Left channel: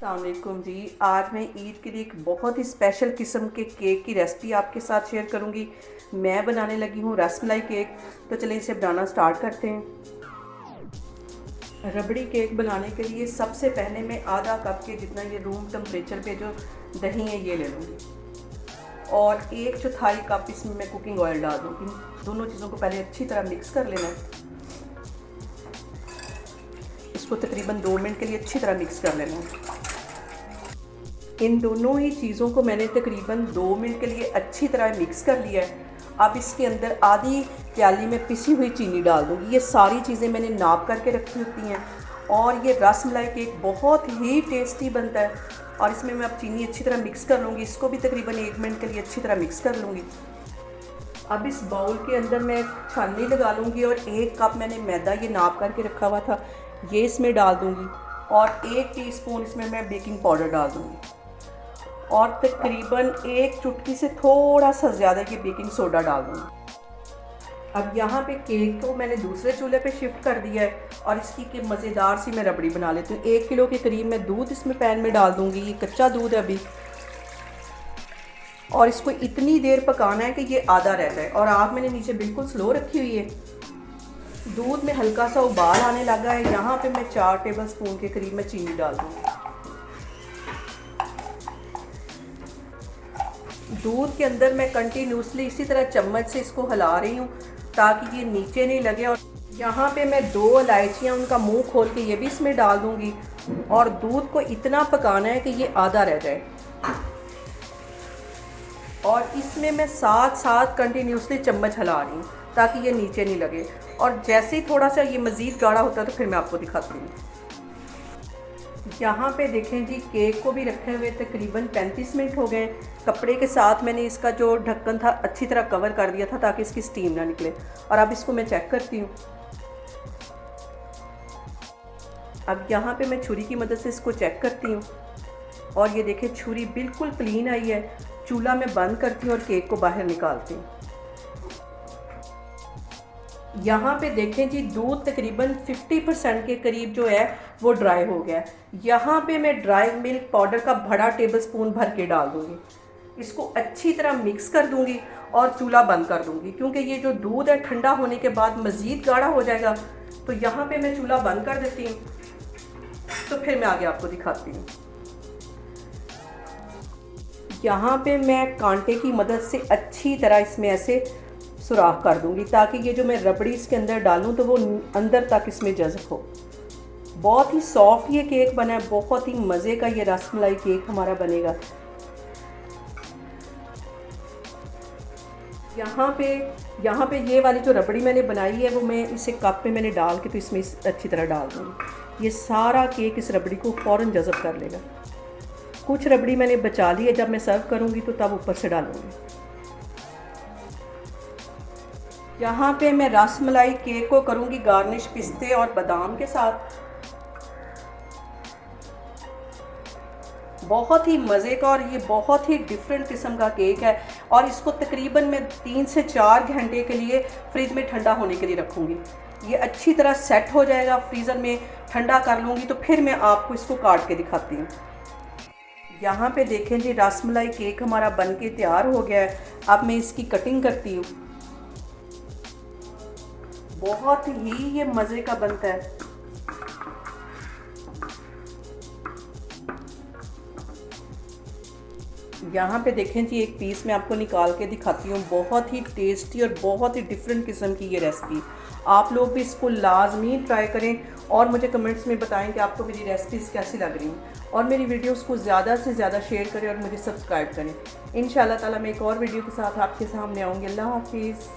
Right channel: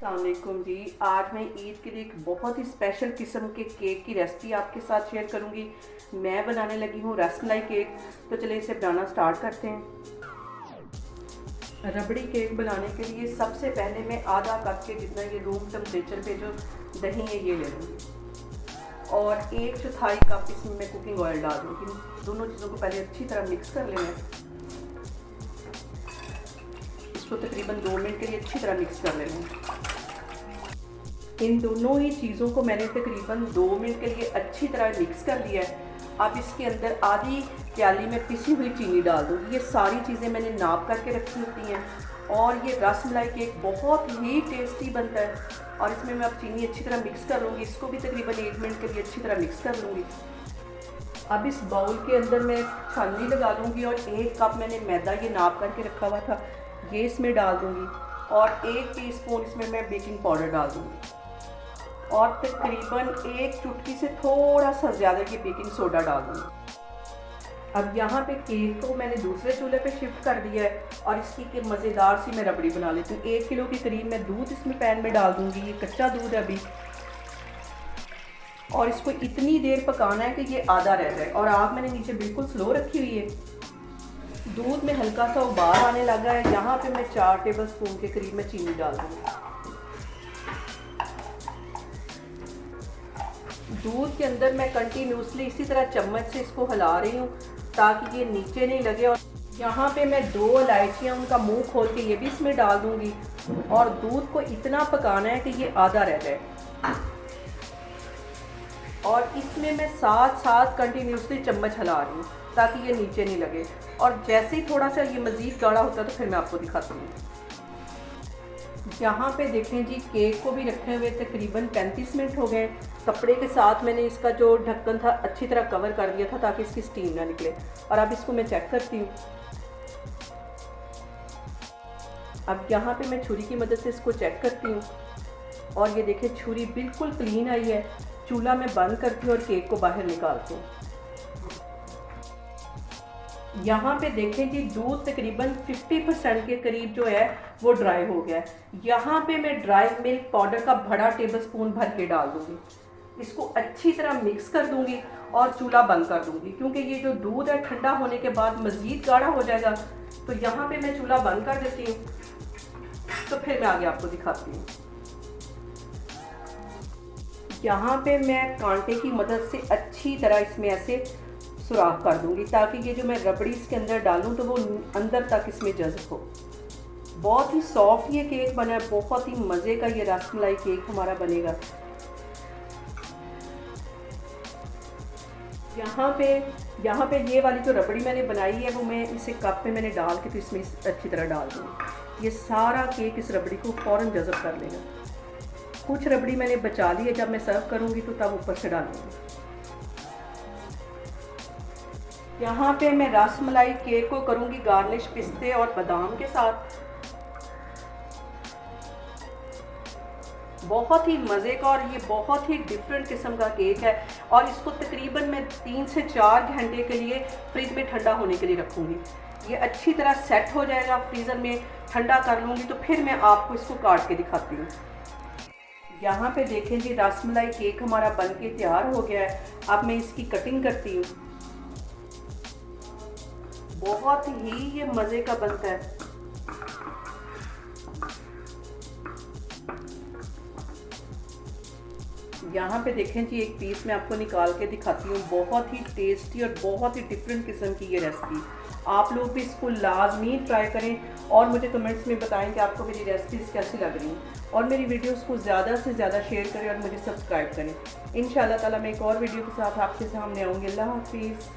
अस्सलामुअलैकुम जी। आज मैं ईद के लिए एक बहुत ही स्पेशल किस्म के केक की रेसिपी आपके साथ शेयर करूंगी। मैं बनाने लगी हूँ रसमलाई केक। तो चलिए इसे बनाना स्टार्ट करते हैं। रबड़ी केक बनाने के लिए सबसे पहले मैं आधा कप के जितना ये रूम टेम्परेचर पे जो दही है ये ले लूँगी और 1/4 कप इसमें मैं कुकिंग ऑयल डाल दूँगी। दोनों चीज़ों को पहले अच्छी तरह मिक्स कर लेना है। इसको तकरीबन 2 मिनट के लिए अच्छी तरह मिक्स कर लेना है। इन दोनों ही चीज़ों को मैंने तकरीबन 2 मिनट के लिए अच्छी तरह मिक्स कर लिया है। अब इसके अंदर आधी प्याली में पिसी हुई चीनी डाल दूँगी। ये सारी चीज़ें मैंने नाप करके रखी होती हैं और ये रसमलाई केक बहुत ही टेस्टी बनता है। और इसमें मैं अब चीनी अच्छी तरह मिक्स कर लूँगी। इसको भी तकरीबन 1 मिनट के लिए अच्छी तरह मिक्स कर लूँगी। अब इस बाउल के अंदर मैं छाननी लगा लूँगी और 1 कप मैंने मैदा ये नाप करके रखा हुआ था ये इसमें डाल दूँगी और 1 टीस्पून इसमें मैं बेकिंग पाउडर डाल दूँगी और तकरीबन 1 चुटकी से थोड़ा सा ज़्यादा की बेकिंग सोडा डाल दूँगी। अब यहाँ पे केक को मैंने दूसरे चूल्हे पे शिफ्ट कर दिया है और इसकी के मज़ेदार सी मैं रबड़ी बना लेती हूँ। 1 किलो के करीब मैं दूध इसमें पैन में डाल दूँगी। ये कच्चा दूध है अभी और इसको इतनी देर पकाना है कि ये आधा रह जाए और आग मैंने नीचे बिल्कुल स्लो रखी हुई है। दूध में हल्का सा उबाल आने लगा है। यहाँ पे मैं 4 टेबल स्पून के करीब मैं चीनी डाल दूँगी। दूध के अंदर मैं कंटिन्यूसली इसी तरह चम्मच से इसको हिला रही हूँ ताकि ये नीचे नहीं लगे। और यहाँ पे मैं 2 इलायचियाँ उनका मुंह खोल के ये भी इसमें डाल दूँगी और दूध को इतना पकाना है कि ये आधा रह जाए। और इसमें मैं साथ साथ कंटिन्यूसली चम्मच हिला रही हूँ ताकि ये नीचे नहीं लगे। और जैसे ही थोड़ा सा ये मज़ीद गाढ़ा होता है तो फिर मैं आपको दिखाती हूँ। यहाँ पे देखें जी, केक को भी रखे हुए तकरीबन 35 मिनट हो गए। कपड़े के साथ मैंने इसका जो ढक्कन था अच्छी तरह कवर कर दिया था ताकि इसकी स्टीम ना निकले। और अब इसको मैं चेक करती हूँ। अब यहाँ पे मैं छुरी की मदद से इसको चेक करती हूँ और ये देखें छुरी बिल्कुल क्लीन आई है। चूल्हा मैं बंद करती हूँ और केक को बाहर निकालती हूँ। यहाँ पे देखें जी, दूध तकरीबन 50% के करीब जो है वो ड्राई हो गया है। यहाँ पे मैं ड्राई मिल्क पाउडर का बड़ा टेबल स्पून भर के डाल दूँगी। इसको अच्छी तरह मिक्स कर दूँगी और चूल्हा बंद कर दूँगी क्योंकि ये जो दूध है ठंडा होने के बाद मज़ीद गाढ़ा हो जाएगा। तो यहाँ पे मैं चूल्हा बंद कर देती हूँ। तो फिर मैं आगे आपको दिखाती हूँ। यहाँ पे मैं कांटे की मदद से अच्छी तरह इसमें ऐसे सुराख कर दूंगी ताकि ये जो मैं रबड़ी इसके अंदर डालूं तो वो अंदर तक इसमें जज़ब हो। बहुत ही सॉफ्ट ये केक बना है। बहुत ही मज़े का ये रसमलाई केक हमारा बनेगा। यहाँ पे ये वाली जो रबड़ी मैंने बनाई है वो मैं इसे कप पे मैंने डाल के तो इसमें अच्छी तरह डाल दूँगी। ये सारा केक इस रबड़ी को फ़ौरन जज़ब कर लेगा। कुछ रबड़ी मैंने बचा ली है, जब मैं सर्व करूँगी तो तब ऊपर से डालूँगी। यहाँ पे मैं रसमलाई केक को करूँगी गार्निश पिस्ते और बादाम के साथ। बहुत ही मज़े का और ये बहुत ही डिफरेंट किस्म का केक है और इसको तकरीबन मैं 3 से 4 घंटे के लिए फ्रिज में ठंडा होने के लिए रखूँगी। ये अच्छी तरह सेट हो जाएगा, फ्रीज़र में ठंडा कर लूँगी तो फिर मैं आपको इसको काट के दिखाती हूँ। यहाँ पे देखें जी, रसमलाई केक हमारा बन के तैयार हो गया है। अब मैं इसकी कटिंग करती हूँ। बहुत ही ये मज़े का बनता है। यहाँ पे देखें जी, एक पीस मैं आपको निकाल के दिखाती हूँ। बहुत ही टेस्टी और बहुत ही डिफरेंट किस्म की ये रेसिपी। आप लोग भी इसको लाजमी ट्राई करें और मुझे कमेंट्स में बताएं कि आपको मेरी रेसिपीज़ कैसी लग रही हैं और मेरी वीडियोस को ज़्यादा से ज़्यादा शेयर करें और मुझे सब्सक्राइब करें। इंशाल्लाह ताला मैं एक और वीडियो के साथ आपके सामने आऊँगी। अल्लाह हाफिज़।